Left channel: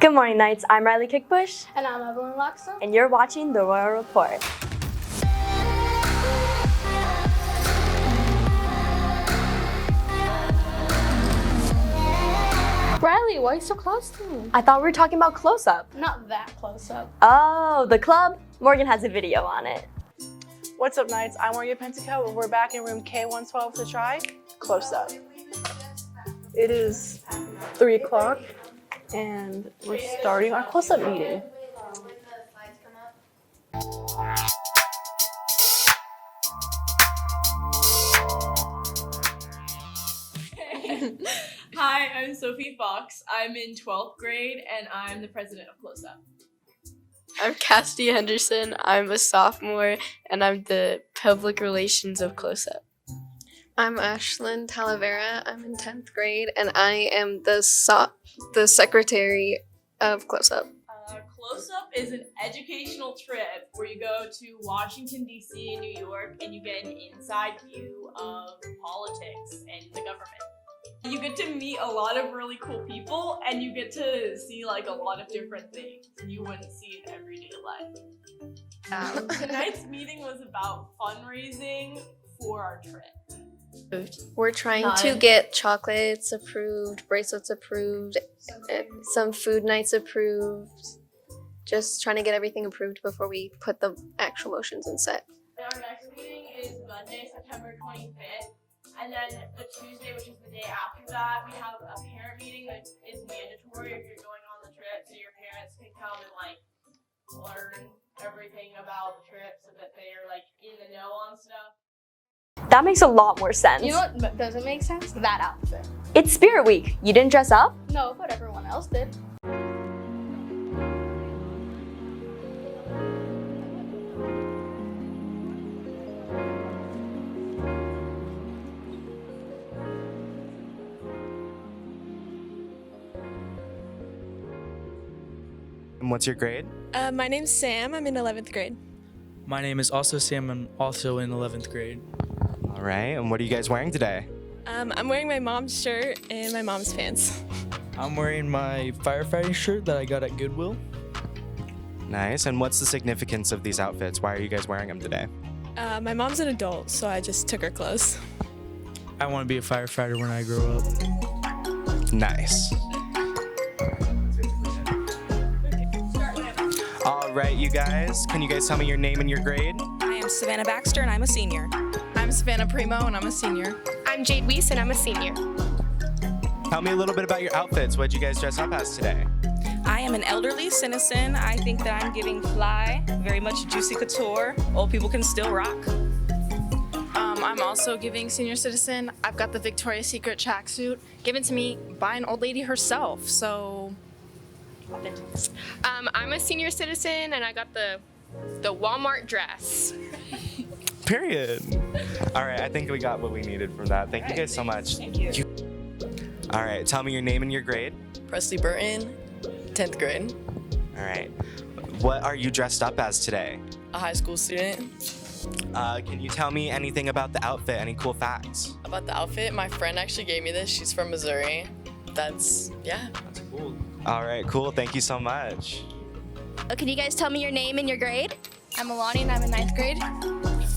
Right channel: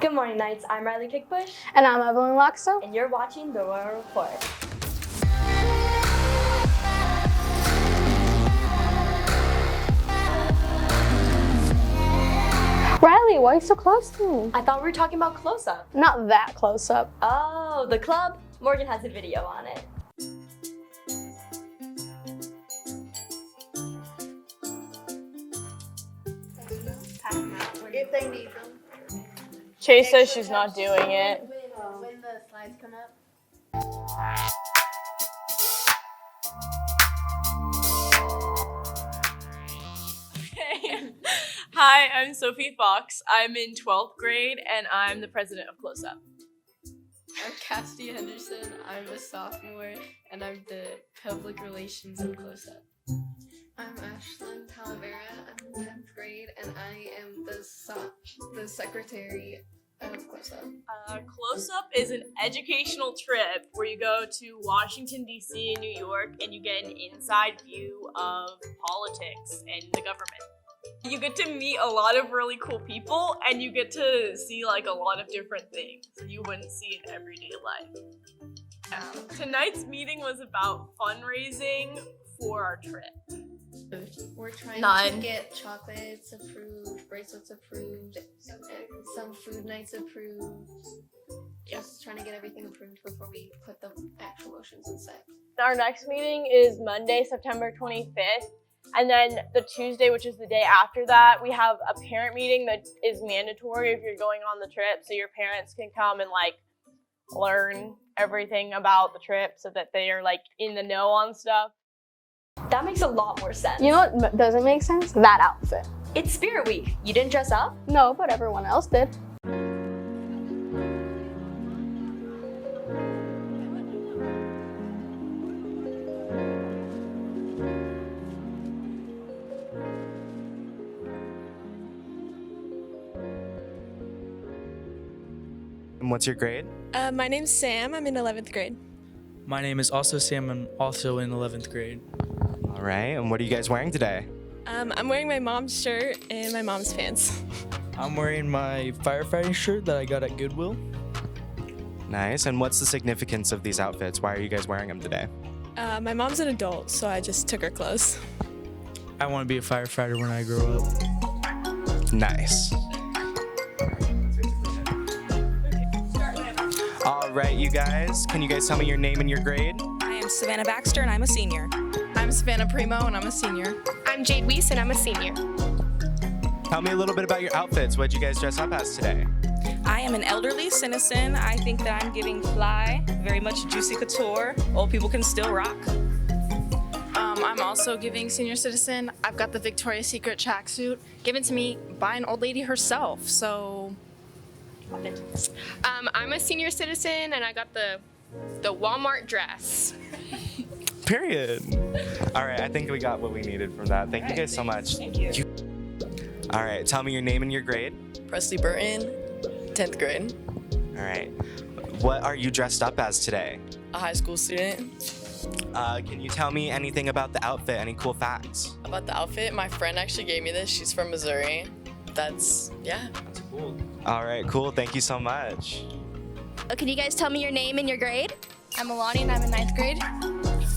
Good morning, Knights. I'm Rylee Kieckbusch. And I'm Evelyn Lotzoj. And you're watching The Royal Report. Rylee, why are you so close to me? I thought we were talking about close-up. Not that close up. Oh, the club? Morgan has a video on it. What's up, Knights? I'm Morgan Pentico, and we're back in room K112 to try Close Up. It is 3 o'clock, and Chase says sorry, she's not close doing up. it. When the slides come up. Hi, I'm Sophie Fox. I'm in 12th grade and I'm the president of Close Up. I'm Cassidy Henderson. I'm a sophomore and I'm the public relations of Close Up. I'm Ashlyn Talavera. I'm in 10th grade and I am the secretary of Close Up. Close Up is an educational trip where you go to Washington, D.C. and New York and you get an inside view of politics and the government. You get to meet a lot of really cool people and you get to see like a lot of different things you wouldn't see in everyday life. Tonight's meeting was about fundraising for our trip. We're trying to get chocolates approved, bracelets approved, and some food nights approved. Just trying to get everything approved before we put the actual motions in set. Our next meeting is Monday, September 25th. And then the Tuesday, which is the day after that, we have a parent meeting that is mandatory if you're going on the trip. So your parents can come and like learn everything about the trip so that they are like in the know on stuff. That makes a lot more sense. You know what doesn't make sense? That outfit. It's Spirit Week. You didn't dress up? No, but everyone else did. And what's your grade? My name's Sam. I'm in 11th grade. My name is also Sam. I'm also in 11th grade. All right, and what are you guys wearing today? I'm wearing my mom's shirt and my mom's pants. I'm wearing my firefighting shirt that I got at Goodwill. Nice, and what's the significance of these outfits? Why are you guys wearing them today? My mom's an adult, so I just took her clothes. I want to be a firefighter when I grow up. Nice. All right, you guys, can you guys tell me your name and your grade? I am Savannah Baxter and I'm a senior. I'm Savannah Primo and I'm a senior. I'm Jade Weiss and I'm a senior. Tell me a little bit about your outfits. What did you guys dress up as today? I am an elderly citizen. I think that I'm giving fly, very much juicy couture. Old people can still rock. I'm also giving senior citizen. I've got the Victoria's Secret tracksuit given to me by an old lady herself, so... I'm a senior citizen and I got the Walmart dress. Period. All right, I think we got what we needed from that. Thank you guys so much. Thank you. All right, tell me your name and your grade. Presley Burton, 10th grade. All right, what are you dressed up as today? A high school student. Can you tell me anything about the outfit? Any cool facts? About the outfit, my friend actually gave me this. She's from Missouri. That's cool. All right, cool. Thank you so much. Can you guys tell me your name and your grade? I'm Alani and I'm in 9th grade.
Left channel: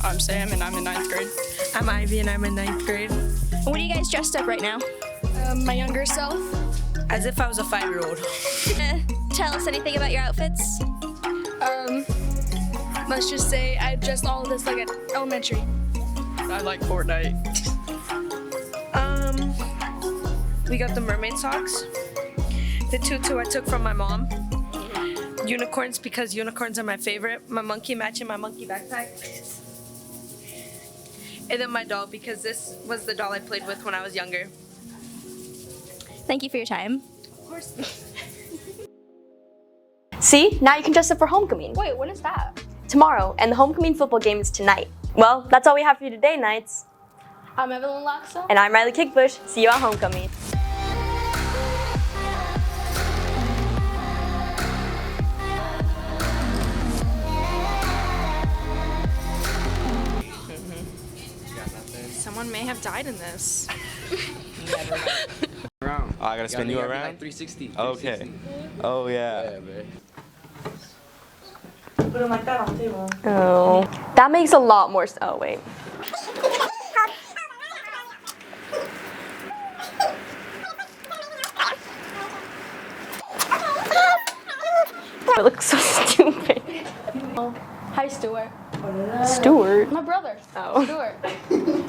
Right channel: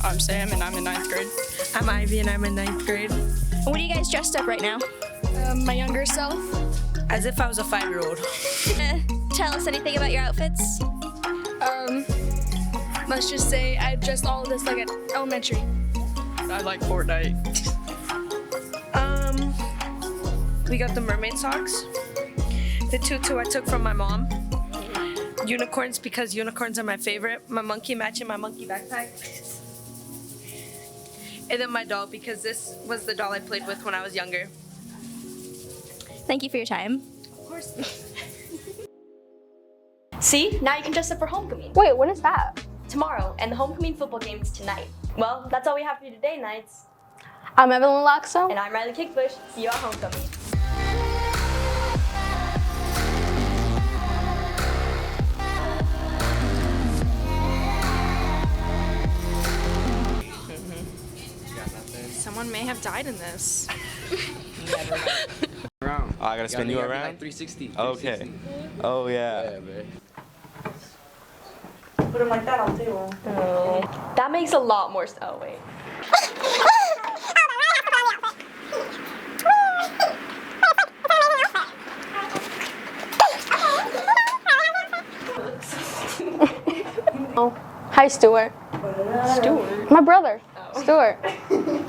I'm Sam and I'm in 9th grade. I'm Ivy and I'm in 9th grade. What are you guys dressed up right now? My younger self. As if I was a 5-year-old. Tell us anything about your outfits. Let's just say I dressed all of this like at elementary. I like Fortnite. We got the mermaid socks. The tutu I took from my mom. Unicorns because unicorns are my favorite. My monkey matching my monkey backpack. And then my doll because this was the doll I played with when I was younger. Thank you for your time. Of course. See? Now you can dress up for homecoming. Wait, when is that? Tomorrow, and the homecoming football game is tonight. Well, that's all we have for you today, Knights. I'm Evelyn Lotzoj. And I'm Rylee Kieckbusch. See you at homecoming. Someone may have died in this. Never. Around. Oh, I gotta spin you around? 360. Okay. Oh, yeah. Yeah, man. Put them like that on the table. Oh. That makes a lot more sense. Oh, wait. It looks so stupid. Oh. Hi, Stuart. Stuart. My brother. Oh. Stuart.